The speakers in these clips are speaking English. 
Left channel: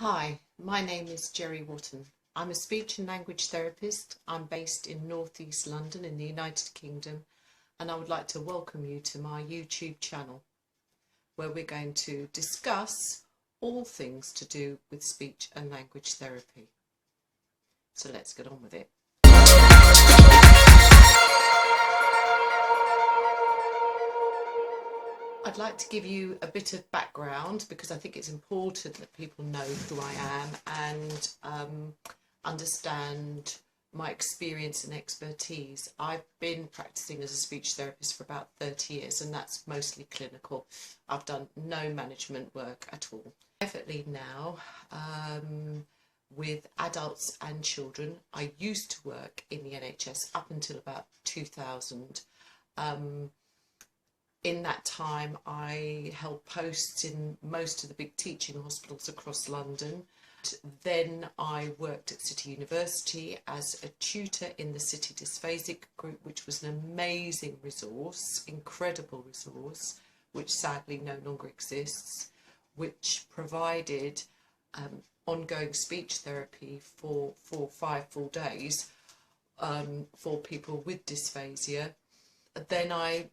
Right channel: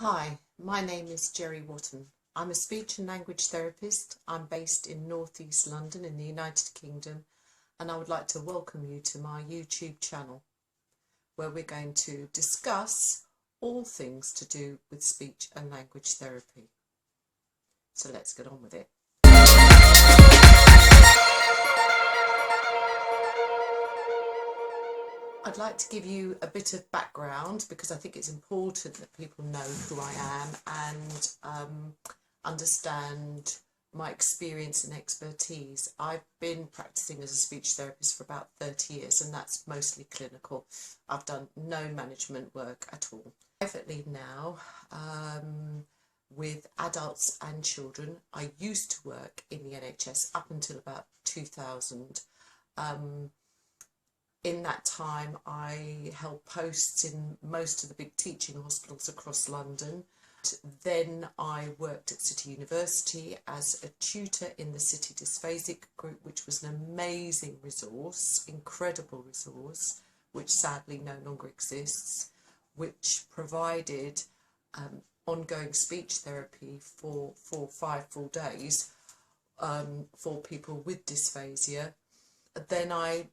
Hi, my name is Jerry Wotton. I'm a speech and language therapist. I'm based in North East London in the United Kingdom, and I would like to welcome you to my YouTube channel where we're going to discuss all things to do with speech and language therapy. So let's get on with it. I'd like to give you a bit of background because I think it's important that people know who I am and understand my experience and expertise. I've been practicing as a speech therapist for about 30 years, and that's mostly clinical. I've done no management work at all. Privately now, with adults and children. I used to work in the NHS up until about 2000. In that time, I held posts in most of the big teaching hospitals across London. Then I worked at City University as a tutor in the City Dysphasic group, which was an amazing resource, incredible resource, which sadly no longer exists, which provided ongoing speech therapy for 5 full days for people with dysphasia. Then I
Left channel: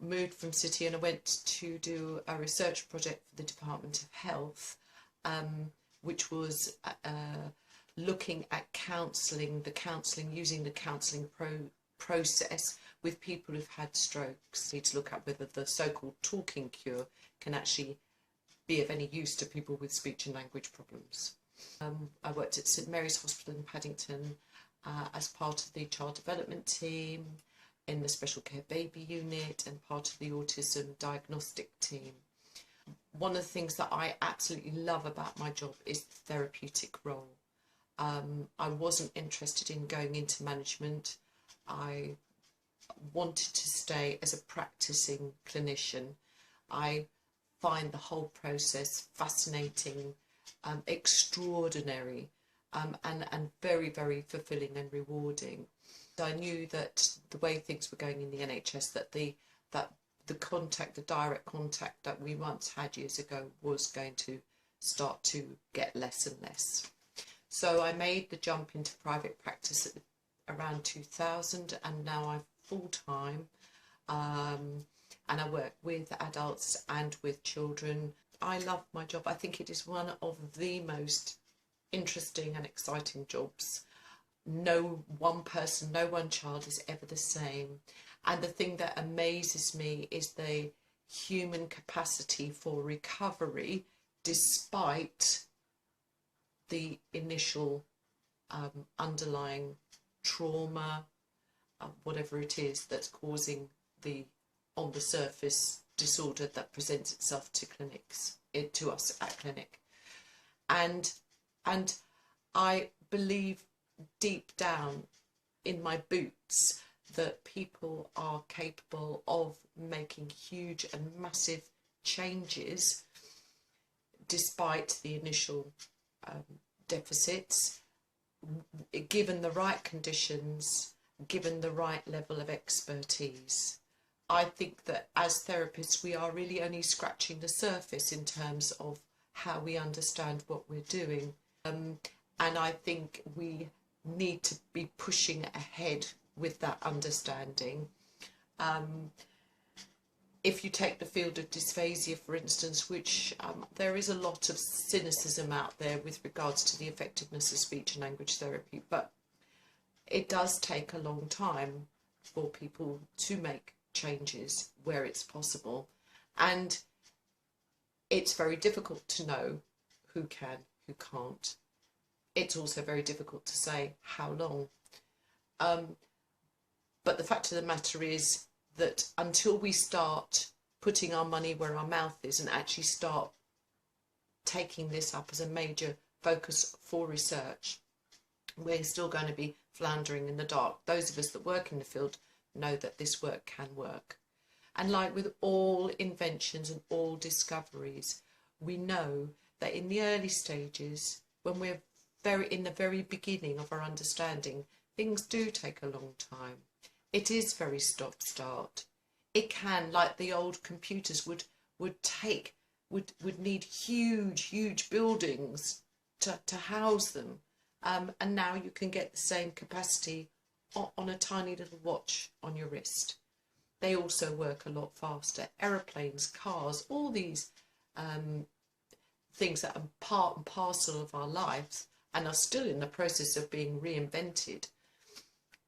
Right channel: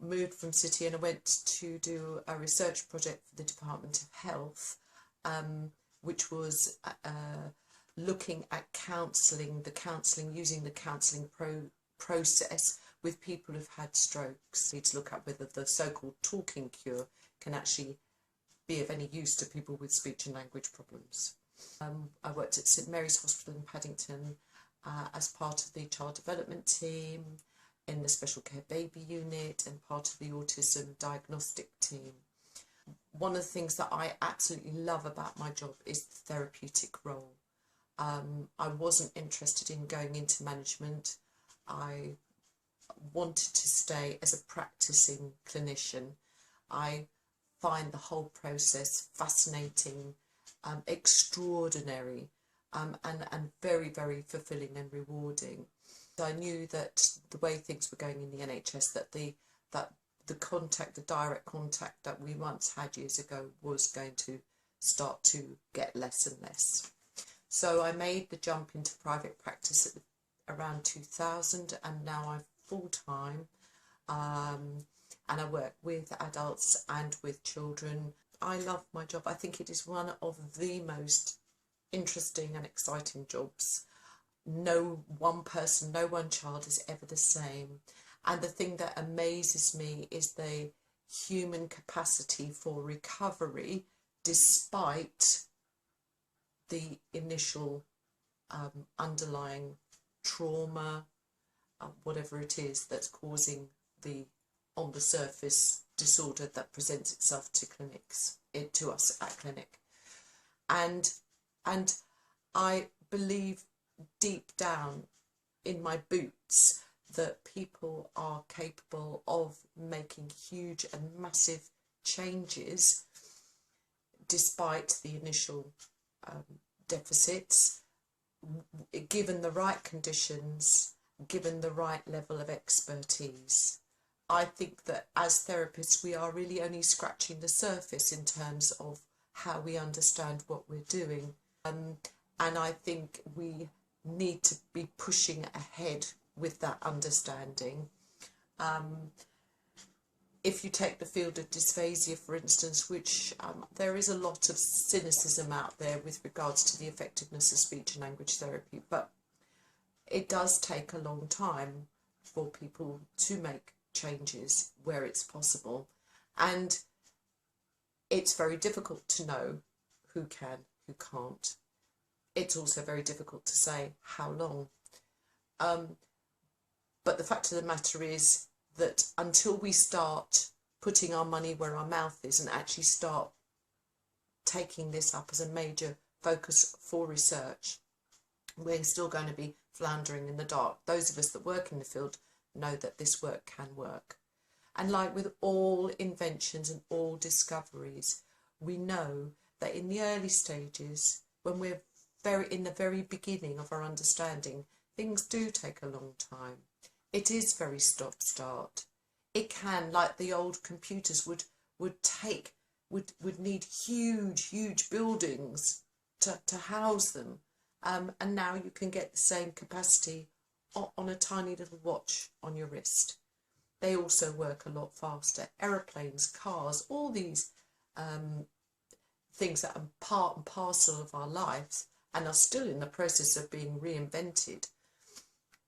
moved from City and I went to do a research project for the Department of Health, which was looking at using the counselling process with people who've had strokes. To look at whether the so-called talking cure can actually be of any use to people with speech and language problems. I worked at St Mary's Hospital in Paddington as part of the child development team, in the special care baby unit, and part of the autism diagnostic team. One of the things that I absolutely love about my job is the therapeutic role. I wasn't interested in going into management. I wanted to stay as a practicing clinician. I find the whole process fascinating, extraordinary, and very, very fulfilling and rewarding. I knew that the way things were going in the NHS, that the direct contact that we once had years ago was going to start to get less and less. So I made the jump into private practice at around 2000, and now I'm full-time, and I work with adults and with children. I love my job. I think it is one of the most interesting and exciting jobs. No one person, no one child is ever the same. And the thing that amazes me is the human capacity for recovery despite the initial underlying trauma, whatever it is that's causing the on the surface disorder that presents itself to us at clinic. And I believe deep down in my boots that people are capable of making huge and massive changes despite the initial deficits, given the right conditions, given the right level of expertise. I think that as therapists we are really only scratching the surface in terms of how we understand what we're doing, and I think we need to be pushing ahead with that understanding. If you take the field of dysphasia, for instance, which there is a lot of cynicism out there with regards to the effectiveness of speech and language therapy, but it does take a long time for people to make changes where it's possible, and it's very difficult to know who can, who can't. It's also very difficult to say how long. But the fact of the matter is that until we start putting our money where our mouth is and actually start taking this up as a major focus for research, we're still going to be floundering in the dark. Those of us that work in the field know that this work can work. And like with all inventions and all discoveries, we know that in the early stages, when we're in the very beginning of our understanding, things do take a long time. It is very stop-start. It can, like the old computers, would take would need huge buildings to house them, and now you can get the same capacity on a tiny little watch on your wrist. They also work a lot faster. Aeroplanes, cars, all these things that are part and parcel of our lives and are still in the process of being reinvented,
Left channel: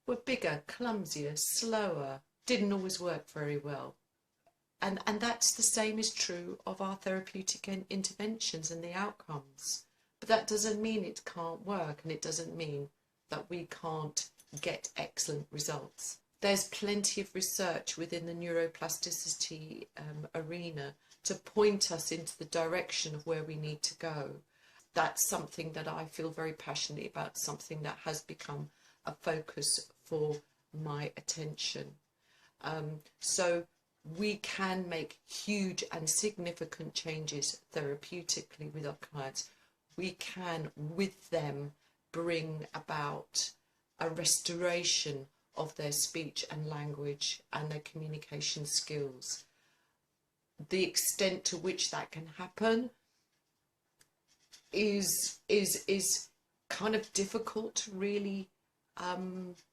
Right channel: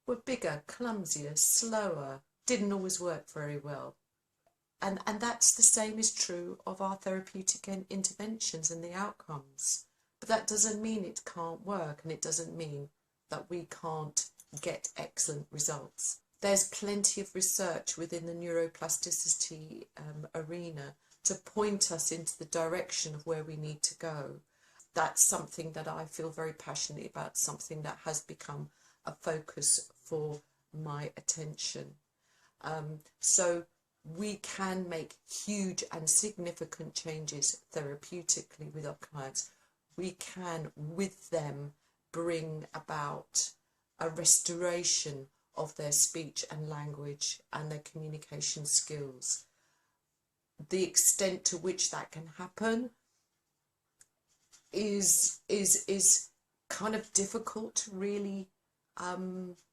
were bigger, clumsier, slower, didn't always work very well. And that's the same is true of our therapeutic interventions and the outcomes. But that doesn't mean it can't work, and it doesn't mean that we can't get excellent results. There's plenty of research within the neuroplasticity arena to point us into the direction of where we need to go. That's something that I feel very passionate about, something that has become a focus for my attention. So we can make huge and significant changes therapeutically with our clients. We can, with them, bring about a restoration of their speech and language and their communication skills. The extent to which that can happen is kind of difficult to really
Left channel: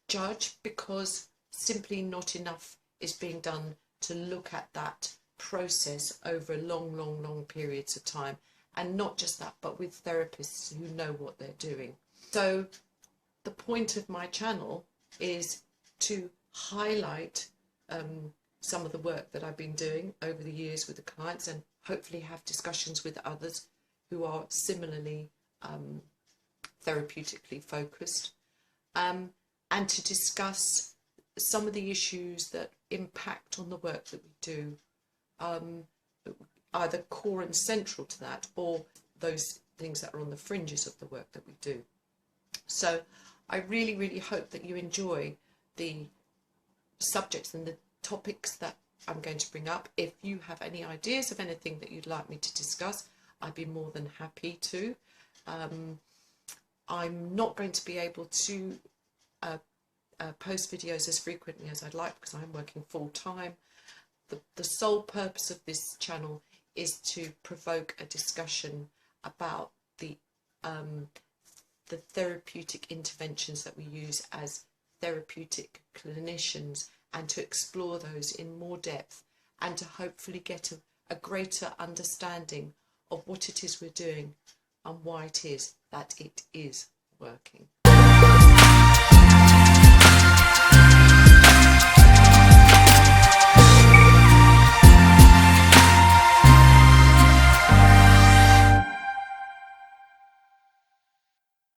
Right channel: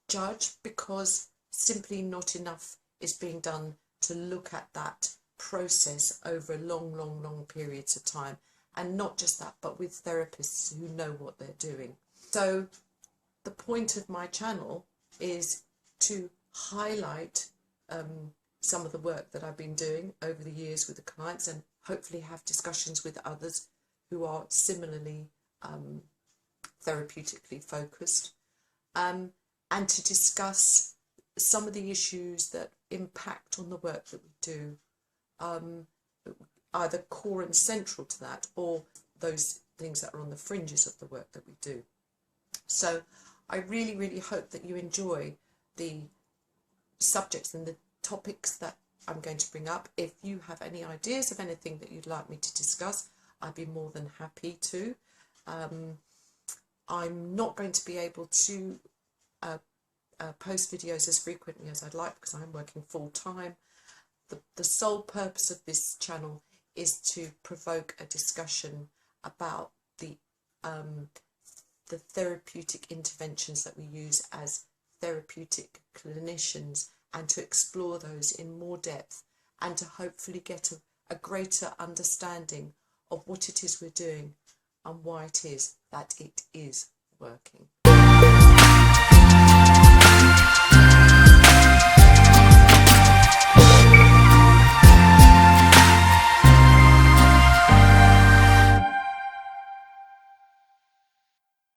judge, because simply not enough is being done to look at that process over long periods of time. And not just that, but with therapists who know what they're doing. So the point of my channel is to highlight some of the work that I've been doing over the years with the clients, and hopefully have discussions with others who are similarly therapeutically focused, and to discuss some of the issues that impact on the work that we do, either core and central to that, or those things that are on the fringes of the work that we do. So I really hope that you enjoy the subjects and the topics that I'm going to bring up. If you have any ideas of anything that you'd like me to discuss, I'd be more than happy to. I'm not going to be able to post videos as frequently as I'd like, because I'm working full-time. The sole purpose of this channel is to provoke a discussion about the therapeutic interventions that we use as therapeutic clinicians, and to explore those in more depth, and to hopefully get a greater understanding of what it is we're doing and why it is that it is working.